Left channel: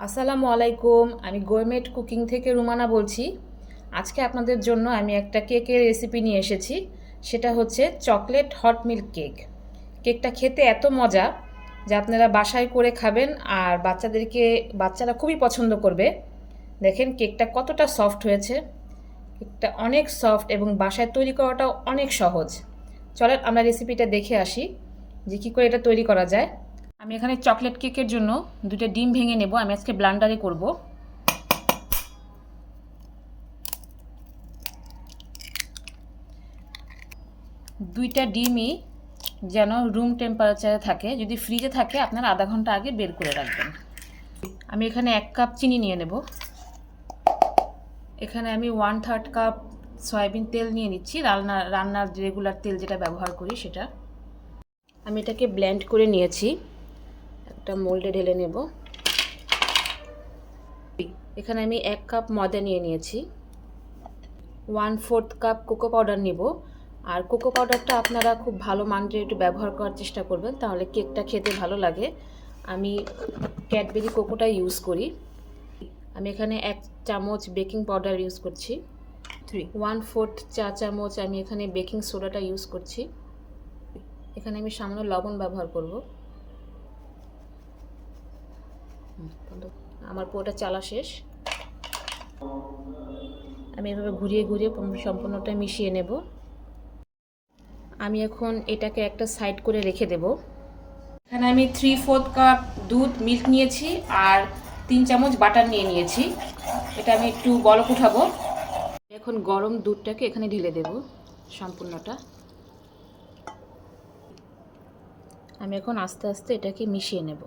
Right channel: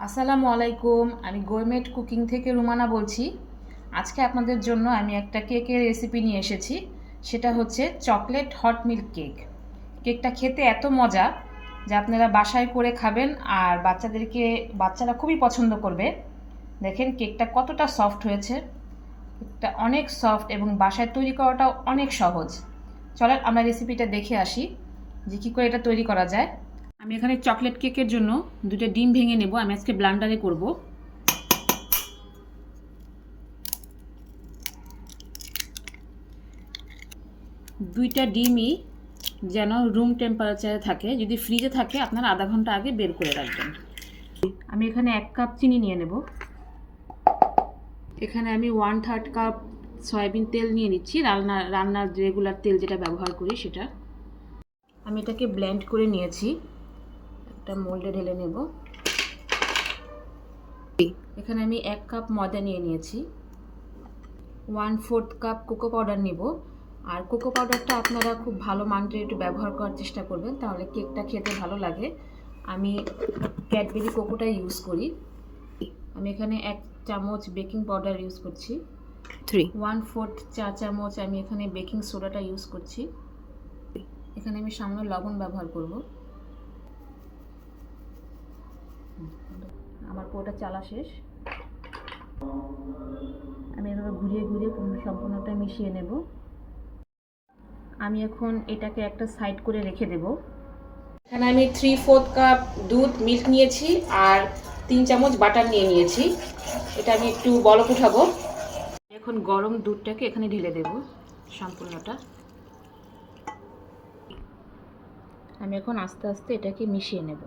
আসসালামু আলাইকুম। আমি গোরমেট কুকিং থেকে রুমানা বলছি। আজকে আপনাদের জন্য আমি একটা কেকের রেসিপি নিয়ে এসেছি। সেটা হচ্ছে চকলেট হট মিল্ক কেক। কেকটা খেতে এত মজা যে আপনারা বাসায় করে খাবেন আর বাচ্চারা খুবই পছন্দ করবে। দেখেন কেকটা কতটা সফট হয়েছে। কেকটা অনেক সফট এবং বাসায় তৈরি করাটাও অনেক সহজ। চলেন আমরা রেসিপিটা দেখে আসি যে কী করে এটা তৈরি করা যায়। আমি এখানে চকলেট কেকের জন্য দুটো ডিম ভেঙে নেব। আমি আজকে ব্লান্ডারে করব। দুইটা ডিমই যেন রুম টেম্পারেচারে থাকে। যদি ফ্রিজে থাকে আপনারা আধা ঘন্টা আগে বের করে রাখবেন। আমি এখানে 1 কাপ চিনি নিয়ে নেব। এখানে আমি 1/3 কাপ সয়াবিন তেল নিয়ে নিচ্ছি, রান্নার রেগুলার তেল যেটা ব্যবহার করি সেটা। আমি এটাকে ব্লেন্ড করে নিয়েছি, একটা মোল্ডে ঢেলে নেব। এখানে আমি 1 কাপ ময়দা নিয়ে নিয়েছি। 1/4 কাপ কোকো পাউডার নেব। আর কোকো পাউডারটা আপনারা খুব ভালো মানের একটু ব্যবহার করার চেষ্টা করবেন, তাহলে কেকটা খেতে ভালো লাগে। আমি ক্যাডবেরি কোকোটা ইউজ করি। আমি এখানে 1 চামচ বেকিং পাউডার ইউজ করছি। 1/4 চা চামচ আমি এখানে বেকিং সোডাটা ইউজ করছি। এখানে আমি সামান্য লবণ ব্যবহার করব। আমার পুরোটা চালা শেষ। আমি এভাবে ঘুরিয়ে ঘুরিয়ে সম্পূর্ণটা মিশিয়ে নেব। আমি এখন এটাকে একটা সাইড করে রেখে দেব। এখানে আমি 3/4 কাপ দুধ মিল্ক নিয়েছি আর 3 চামচ বাটার নিয়ে নিয়েছি। এটা আমি একটু বলক উঠাবো। এখন গরম দুধটাকে এখানে ঢেলে দেব সম্পূর্ণটা। আমি এখন আস্তে আস্তে এটাকে মিশিয়ে নেব।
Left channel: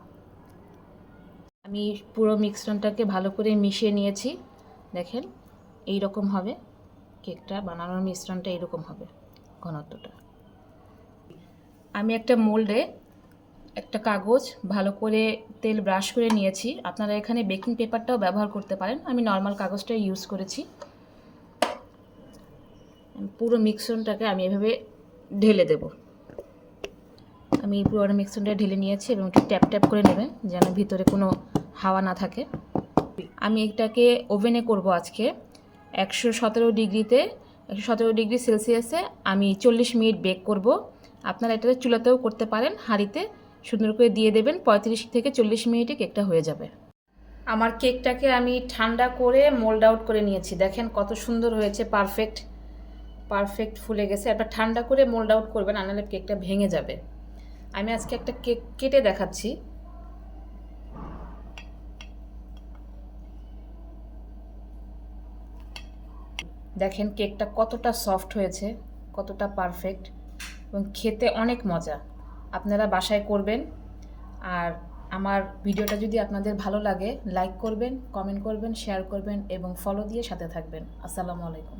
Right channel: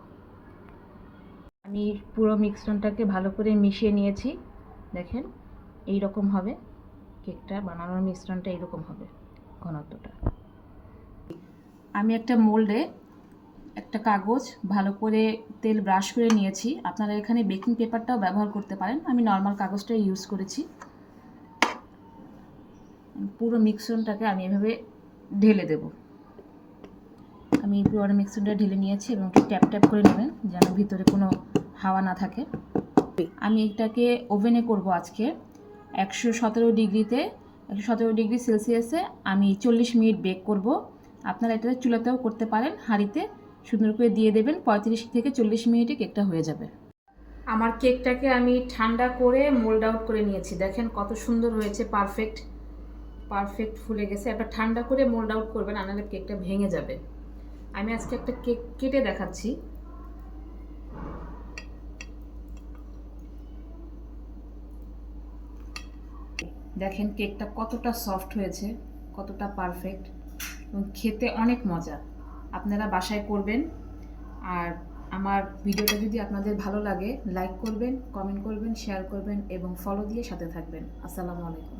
আমি পুরো মিশ্রণটাকে ভালো করে মিশিয়ে নিয়েছি। দেখেন এই রকম হবে কেকটা বানানোর মিশ্রণটা, এরকম হবে ঘনত্বটা। আমি একটা মোল্ডে একটা কাগজ ভালো করে তেল ব্রাশ করে নিয়েছি। আপনারা এখানে বেকিং পেপারটাও ব্যবহার করতে পারেন, আমি নর্মাল কাগজটা ইউজ করেছি। পুরো মিশ্রণটাকে আমি এভাবে ঢেলে দেব। আমি পুরো মিশ্রণটা ঢেলে নিয়েছি এবং একটু ট্যাপ ট্যাপ করে নেবেন যেন ভিতরে কোনো হাওয়া না থাকে। আমি এটাকে ওভেনে করব আজকে 117 ডিগ্রি সেলসিয়াসে আমি 40 মিনিট বেক করব। আপনারা এটা চুলাতেও করতে পারেন, হাঁড়িতে সুন্দর করে দিয়ে দেবেন। 35 থেকে 40 মিনিটে কেকটা হয়ে যাবে। আমার কেকটাকে আমি ঠান্ডা করে মোল্ড আউট করে নিয়েছি। দেখেন কত সুন্দর হয়েছে, পারফেক্ট ফুলে গেছে। একবার ঠান্ডা করে মোল্ড আউট করবেন, নাহলে কেকটা ভেঙে যাবে। আমি আজকে একটা কেক কেটে দেখাচ্ছি। দেখেন কেকটা কতটা সফট হয়েছে, কতটা পারফেক্ট এবং খেতে অনেক মজা। আপনারা বাসায় করবেন। আর আমার ভিডিওটা যদি আপনাদের ভালো লাগে লাইক করবেন, কমেন্ট করবেন, শেয়ার করবেন এবং ফলো দিয়ে সাথে থাকবেন। আসসালামু আলাইকুম।